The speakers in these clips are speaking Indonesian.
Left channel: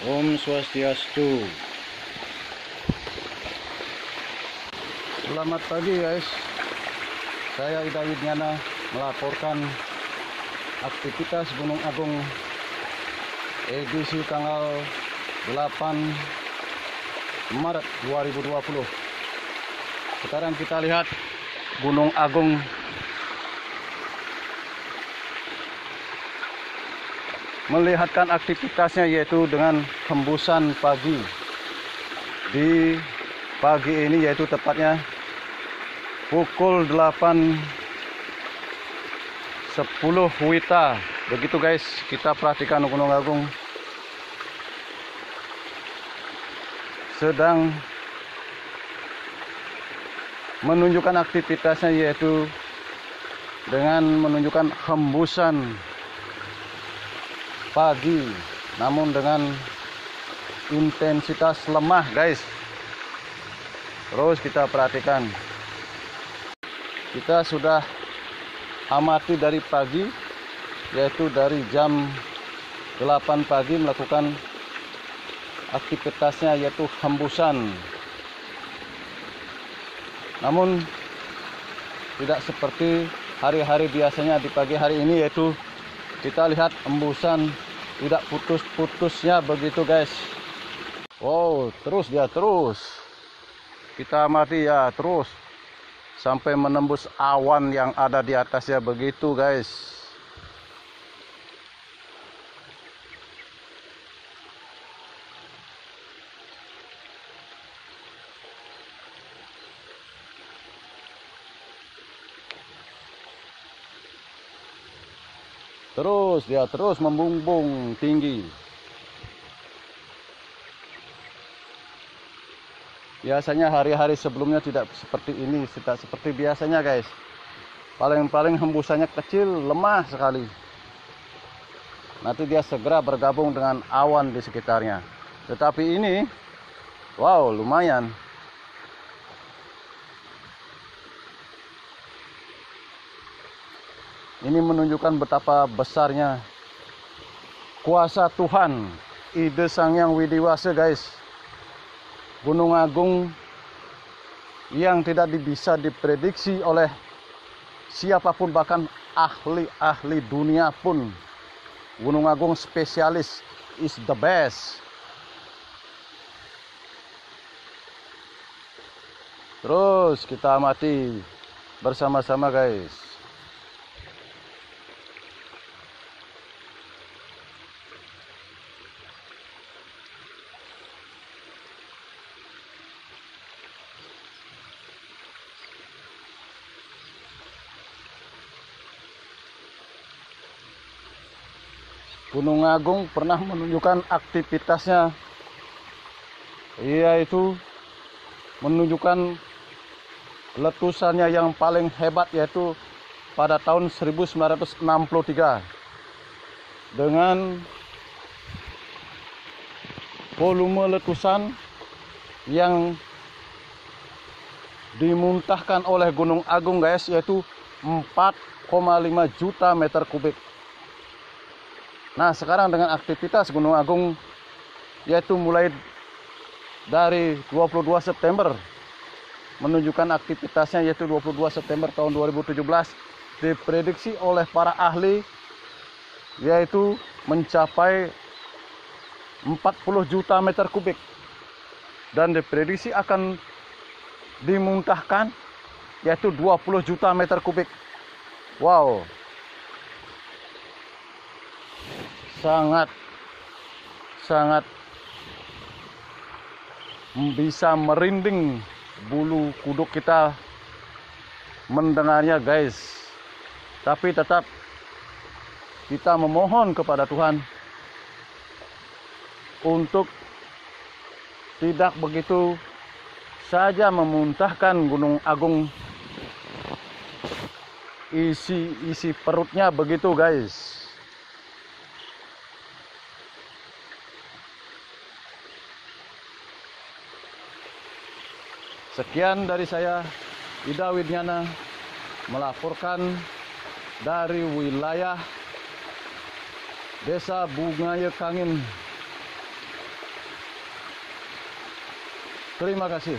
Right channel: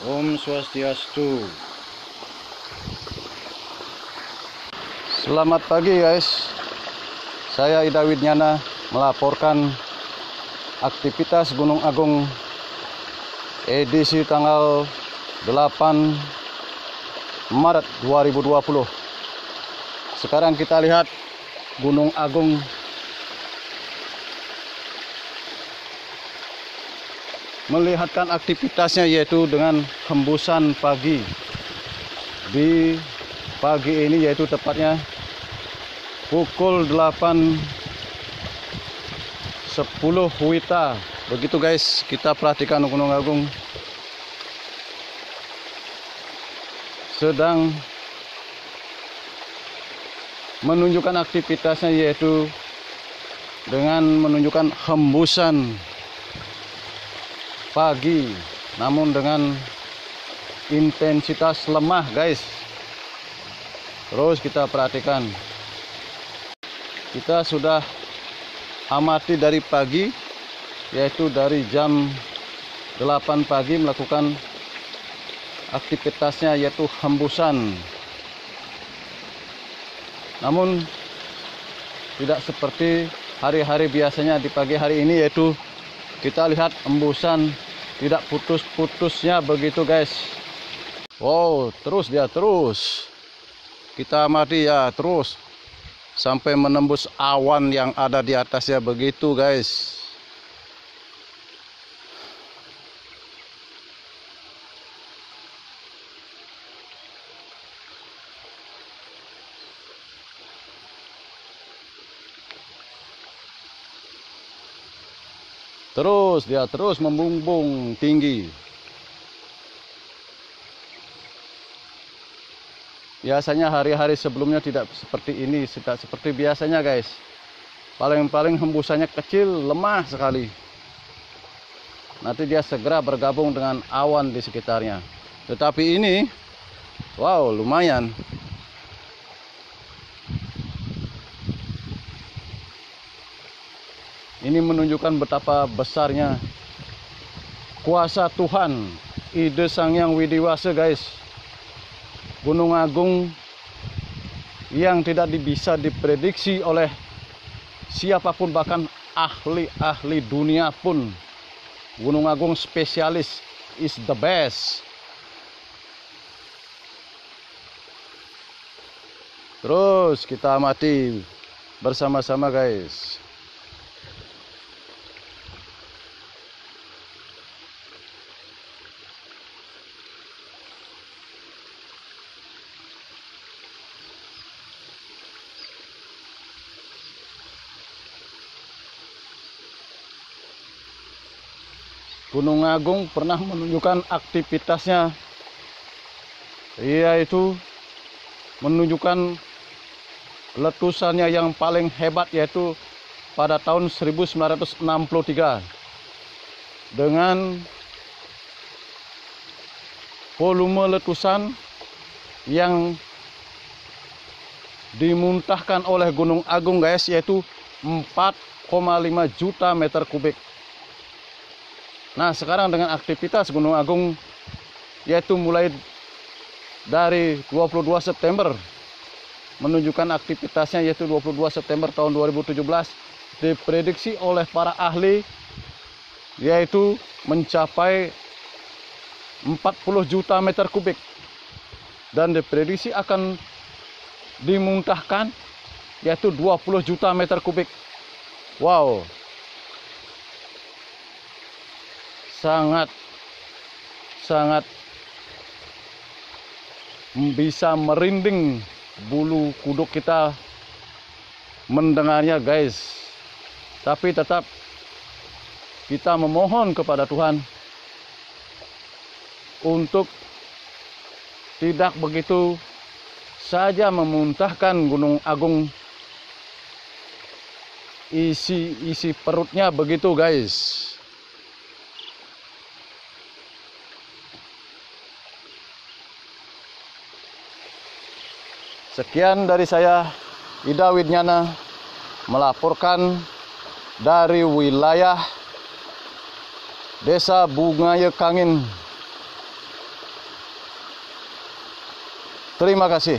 Om Swastiastu. Selamat pagi guys. Saya Ida Widnyana melaporkan aktivitas Gunung Agung edisi tanggal 8 Maret 2020. Sekarang kita lihat Gunung Agung melihatkan aktivitasnya, yaitu dengan hembusan pagi. Di pagi ini yaitu tepatnya pukul 8.10 WITA. Begitu guys, kita perhatikan Gunung Agung sedang menunjukkan aktivitasnya, yaitu dengan menunjukkan hembusan pagi, namun dengan intensitas lemah guys. Terus kita perhatikan, kita sudah amati dari pagi, yaitu dari jam 8 pagi melakukan aktivitasnya, yaitu hembusan. Namun tidak seperti hari-hari biasanya di pagi hari ini, yaitu kita lihat hembusan tidak putus-putusnya begitu guys. Wow, terus kita amati ya, terus sampai menembus awan yang ada di atasnya begitu guys. Terus membumbung tinggi. Biasanya hari-hari sebelumnya tidak seperti ini, tidak seperti biasanya guys. Paling-paling hembusannya kecil, lemah sekali. Nanti dia segera bergabung dengan awan di sekitarnya. Tetapi ini, wow, lumayan. Ini menunjukkan betapa besarnya kuasa Tuhan, ide Sang Hyang Widiwasa guys. Gunung Agung yang tidak bisa diprediksi oleh siapapun, bahkan ahli-ahli dunia pun. Gunung Agung spesialis, is the best. Terus kita amati bersama-sama guys. Gunung Agung pernah menunjukkan aktivitasnya, yaitu menunjukkan letusannya yang paling hebat, yaitu pada tahun 1963 dengan volume letusan yang dimuntahkan oleh Gunung Agung guys, yaitu 4,5 juta meter kubik. Nah, sekarang dengan aktivitas Gunung Agung, yaitu mulai dari 22 September menunjukkan aktivitasnya, yaitu 22 September tahun 2017, diprediksi oleh para ahli yaitu mencapai 40 juta meter kubik, dan diprediksi akan dimuntahkan yaitu 20 juta meter kubik. Wow, sangat bisa merinding bulu kuduk kita mendengarnya guys. Tapi tetap kita memohon kepada Tuhan untuk tidak begitu saja memuntahkan Gunung Agung isi perutnya begitu guys. Sekian dari saya, Ida Widnyana, melaporkan dari wilayah Desa Bungaya Kangin, Terima kasih.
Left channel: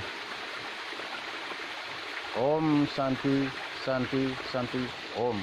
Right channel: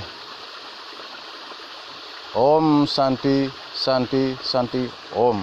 Om Santi, Santi, Santi, Om.